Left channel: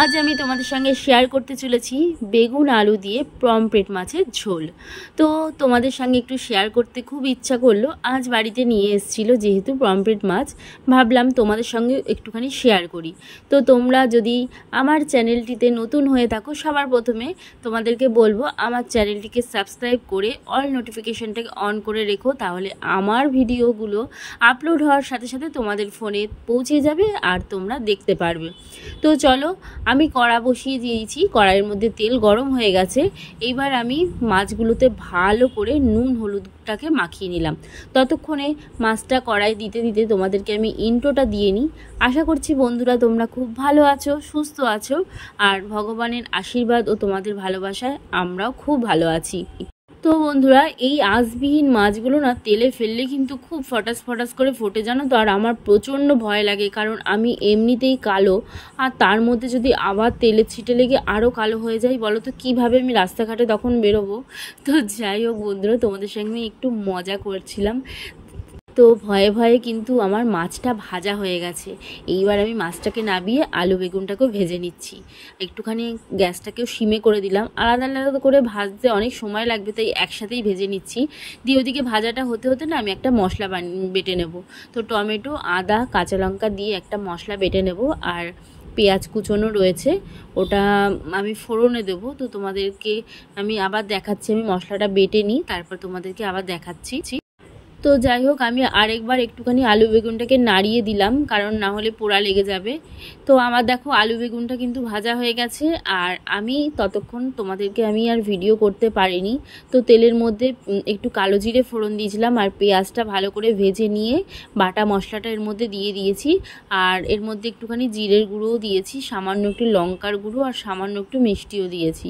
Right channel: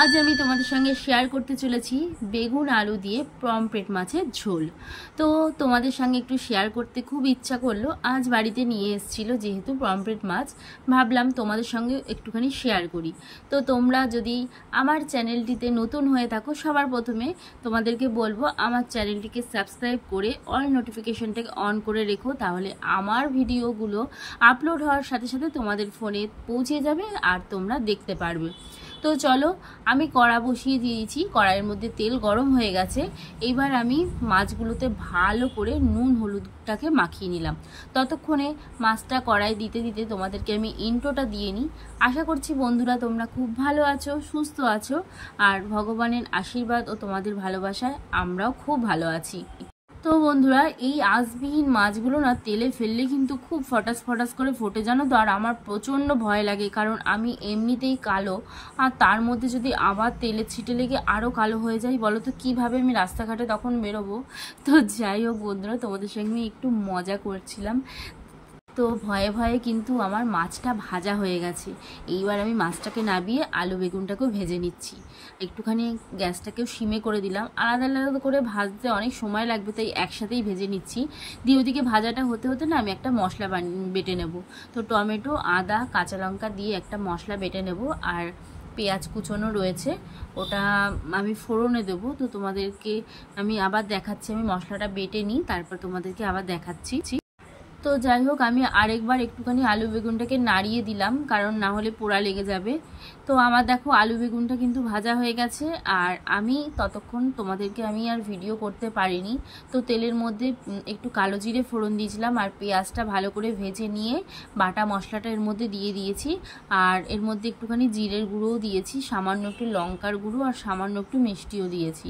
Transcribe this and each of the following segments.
আজ আমি তোমাদের সঙ্গে শেয়ার করতে চলেছি বেগুন আলু দিয়ে পমফ্রেট মাছের ঝোল। তো তোমাদের সঙ্গে একটু শেয়ার করতে খুব ইচ্ছা করলো, আজ বাড়িতে নিয়ে এসেছিলো যেহেতু পমফ্রেট মাছ, ভাবলাম তোমাদের সঙ্গে একটুখানি শেয়ার করি। তো তোমরা যদি আমার চ্যানেলটিতে নতুন হয়ে থাকো, সবার প্রথমে তোমাদেরকে বলবো আমার চ্যানেলটিকে সাবস্ক্রাইব করে অল নোটিফিকেশনটাকে অন করে রেখো, তাহলে আমার ভিডিওগুলো আপলোড হওয়ার সাথে সাথে তোমাদের ফোনে পৌঁছে যাবে আর তোমরা দেখতে পারবে। তো চলো, আমি কড়া বসিয়ে দিয়েছি, কড়াইয়ের মধ্যে তেল গরম হয়ে গেছে। এইবার আমি মাছগুলোতে ভালো করে নুন হলুদটাকে মাখিয়ে নিলাম। ততক্ষণে মাছটা কড়াই দিতে দিতে তোমাদেরকে আমি ইন্ট্রোটা দিয়ে নিই। আশা করছি বন্ধুরা তোমরা খুব ভালো আছো, সুস্থ আছো, আর ভগবানের আশীর্বাদ ও তোমাদের ভালোবাসায় আমরাও খুব ভালো আছি। তো বন্ধুরা, এই আঁশবিহীন মাছগুলো না তেলে ফেললে কিন্তু খুব ফটাস ফটাস করে ফোটে, জানো তো। আর আমার প্রচণ্ড ভয় লাগে, কারণ আমি এমনিতেই কালো, আর তার মধ্যে যদি আবার তেলে ছিটে লেগে আরও কালো হয়ে যায়, বলো তো কীভাবে আমি রাস্তাঘাটে তখন বেরোবো। তো যাই হোক বন্ধুরা, তোমাদের সঙ্গে একটু মজা করছিলাম। তো ভয়ে ভয়ে কিন্তু আমার মাছটা ভাজা হয়ে গেছে। এইবার আমি মাছটাকে নাবিয়ে আলু বেগুনটাকেও ভেজে নিচ্ছি। একটুখানি গ্যাসটাকেও সিমে করে দিলাম, আলাদা আলাদা করে ভাজতে অনেক সময় লাগবে, তাই একসাথেই ভেজে নিচ্ছি। দিয়ে ওদিকে ভাজাটা হতে হতে না আমি একটা মশলা বেটে নেব। তো টমেটো, আদা, কাঁচা লঙ্কা দিয়ে একটা মশলা বেটে নেব, আর পেঁয়াজ কুচোনো রয়েছে, ওটা আমি ফোড়নে দেবো। তো তোমাদেরকে আমি আবার দেখাচ্ছি, আমি মশলাটা বেটে নিই, তারপর তোমাদেরকে আবার দেখাচ্ছি। তো যাই হোক, আমি আরেকবার একটুখানি আলু বেগুনটাকে নাড়িয়ে দিলাম, কারণ না হলে পোড়া লেগে যাবে। তো আমার দেখো আলু বেগুনটা কিন্তু ভাজা হয়ে গেছে, আর আমি ততক্ষণ তোমাদেরকে আমি আর ভিডিও করতে পারিনি। তো তেলের মধ্যে একটু কালো জিরে ফোড়ন দিয়েছিলাম, আর পেঁয়াজটা ভালো করে ভেজে নিয়ে বাটা মশলাটা এর মধ্যে দিয়ে দিয়েছি। আর এর মধ্যে একটুখানি জিরের গুঁড়োও দিয়েছি, সামান্য একটু লঙ্কার গুঁড়ো, আর সামান্য একটু মিষ্টিও দিয়েছি।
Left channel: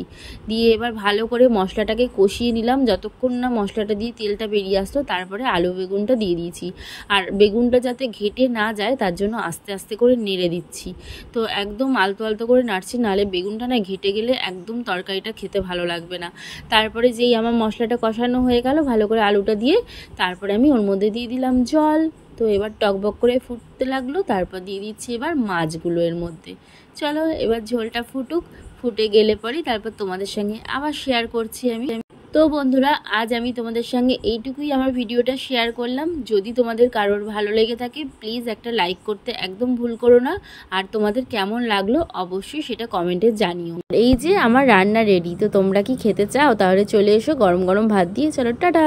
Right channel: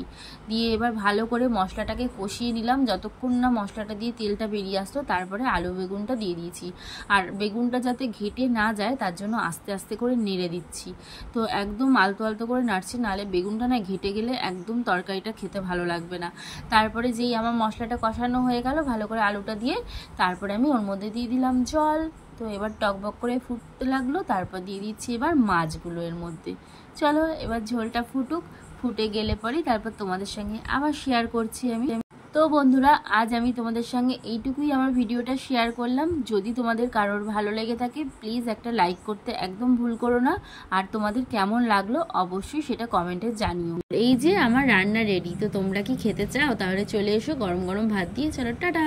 দিয়ে এবার ভালো করে মশলাটাকে কষিয়ে নিলাম, যতক্ষণ না মশলাটা দিয়ে তেলটা বেরিয়ে আসতো। তারপরে আলু বেগুনটা দিয়ে দিয়েছি, আর বেগুনটা যাতে ঘেটে না যায় তার জন্য আস্তে আস্তে করে নেড়ে দিচ্ছি। তো একদম আলতো আলতো করে নাড়ছি, নাহলে বেগুনটা না ঘেটে গেলে একদম তরকারিটা খেতে ভালো লাগবে না। তারপরে যেই আমার মশলাটা কষানো হয়ে গেল ভালো করে আলুটা দিয়ে, তারপরে আমি ওর মধ্যে দিয়ে দিলাম জল। তো এবার টকবক করে ফুটতে লাগলো, তারপর দিয়ে দিচ্ছি এবার মাছগুলো এর মধ্যে। চলো এবার ঝোলটা ফুটুক, ফুটে গেলে পরেই তারপর তোমাদের সঙ্গে আবার শেয়ার করছি আমি। তো বন্ধুরা, আজ আমি তোমাদের সঙ্গে এইটুকুই আমার ভিডিওটা শেয়ার করলাম। যদি তোমাদের কারোর ভালো লেগে থাকে প্লিজ একটা লাইক করতে একদম ভুল করো না, আর তোমাদের কেমন লাগলো অবশ্যই সেটা কমেন্টে জানিও। এই যে আমার রান্না রেডি, তো তোমরা কি খেতে চাও? তাহলে চলে এসো, গরম গরম ভাত দিয়ে। চলো টাটা।